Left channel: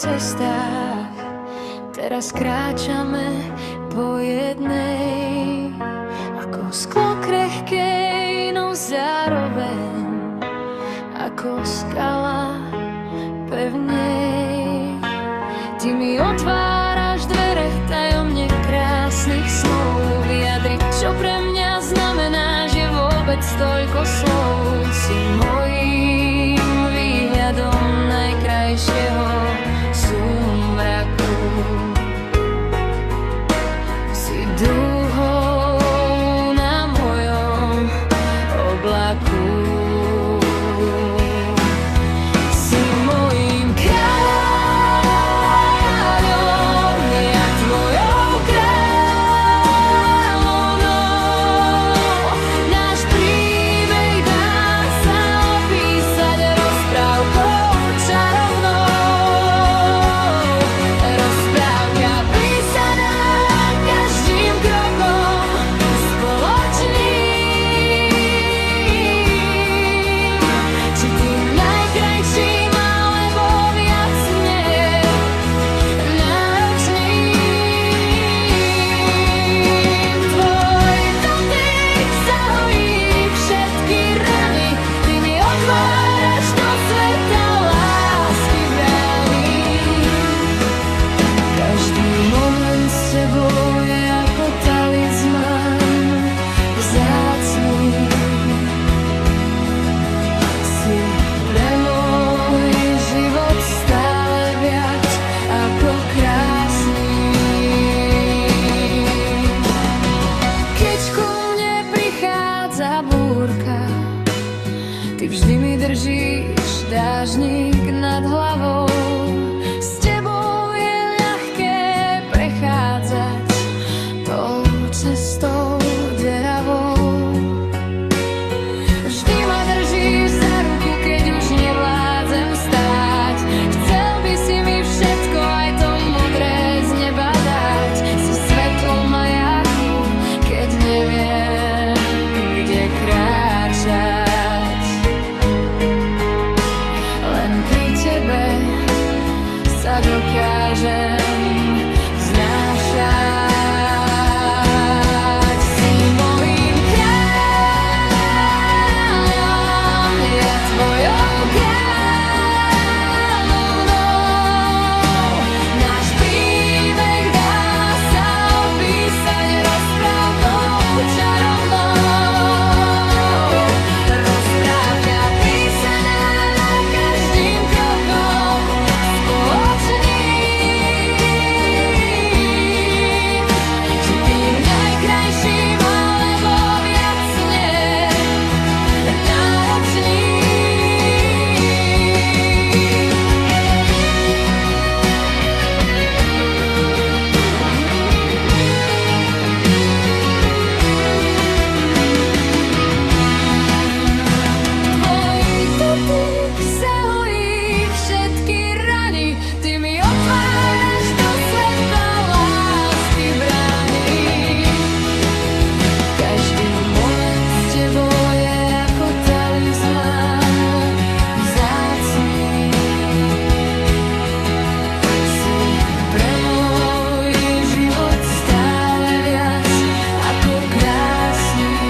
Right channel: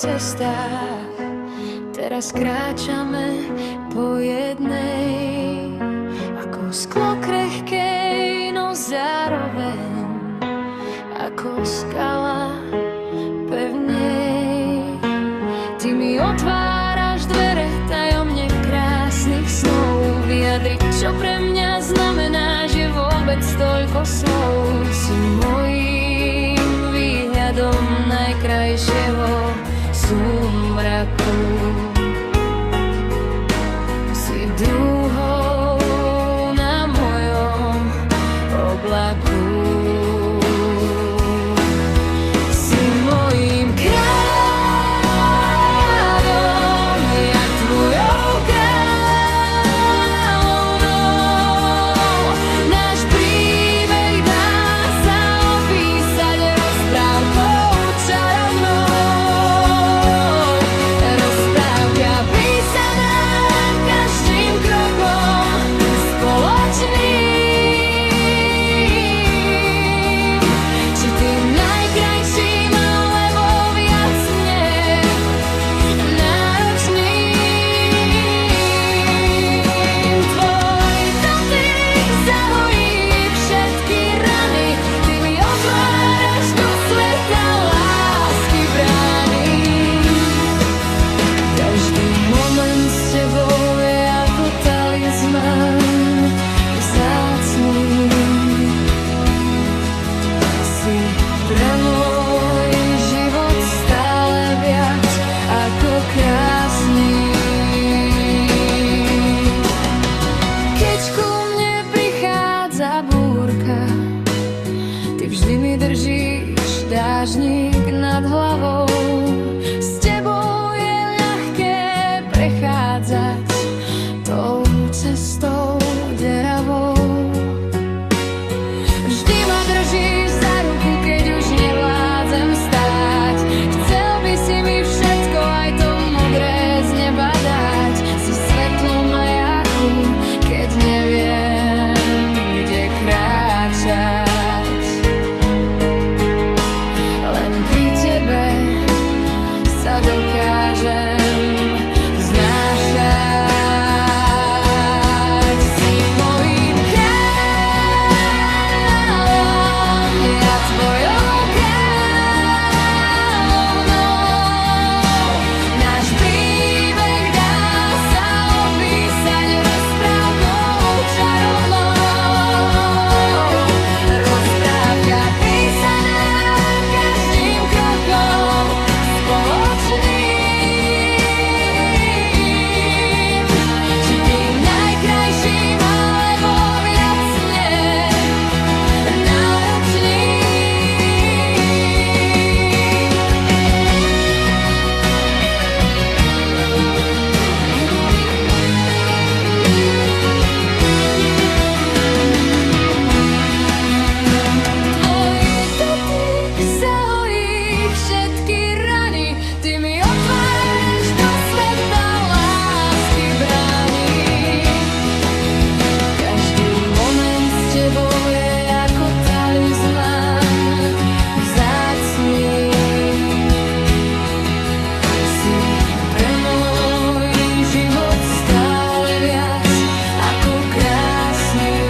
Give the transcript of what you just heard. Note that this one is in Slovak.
cestách. Teraz kráčame po jednej, ako sklo krehkej, no zároveň ako skala pevnej. Ty mi otváraš dvere tajomne krásnych snov, vyjadriť, čo pre mňa znamená, že vôbec toľko slov. Si mojím výhľadom najkrajšieho súmraku, si dúhou na mojom oblaku. Si mojím kráľom, ja tvojou kráľovnou. Náš príbeh dá sa opísať rozprávkou čarovnou. Rozprávka písaná každým krokom spoločným. Či tým najkrajším, alebo viac náročným. Tvoj dotyk zahojí všetky rany, ty mi otváraš do sveta lásky brány. Každý moment s tebou je ako talizman vzácný. Si pre môj život stále viac ako krásny. Keď ku mne prichádza búrka, ty vždy mi držíš dážnik nad hlavou. S tebou je ľahké prechádzať tou cestou deravou. Vždy ma držíš za ruku, keď už nevládzem stáť. Chcel by si mi všetko, aj to modré z neba dať. Si svetlo majáku, keď neviem, kde kráčať. Len pri tebe sa dokážem vznášať. Si mojím kráľom, ja tvojou kráľovnou. Náš príbeh dá sa opísať rozprávkou čarovnou. Rozprávka písaná každým krokom spoločným. Či tým najkrajším, alebo viac náročným. Tvoj dotyk zahojí všetky rany, ty mi otváraš do sveta lásky brány. Každý moment s tebou je ako talizman vzácný. Si pre môj život stále viac ako krásny.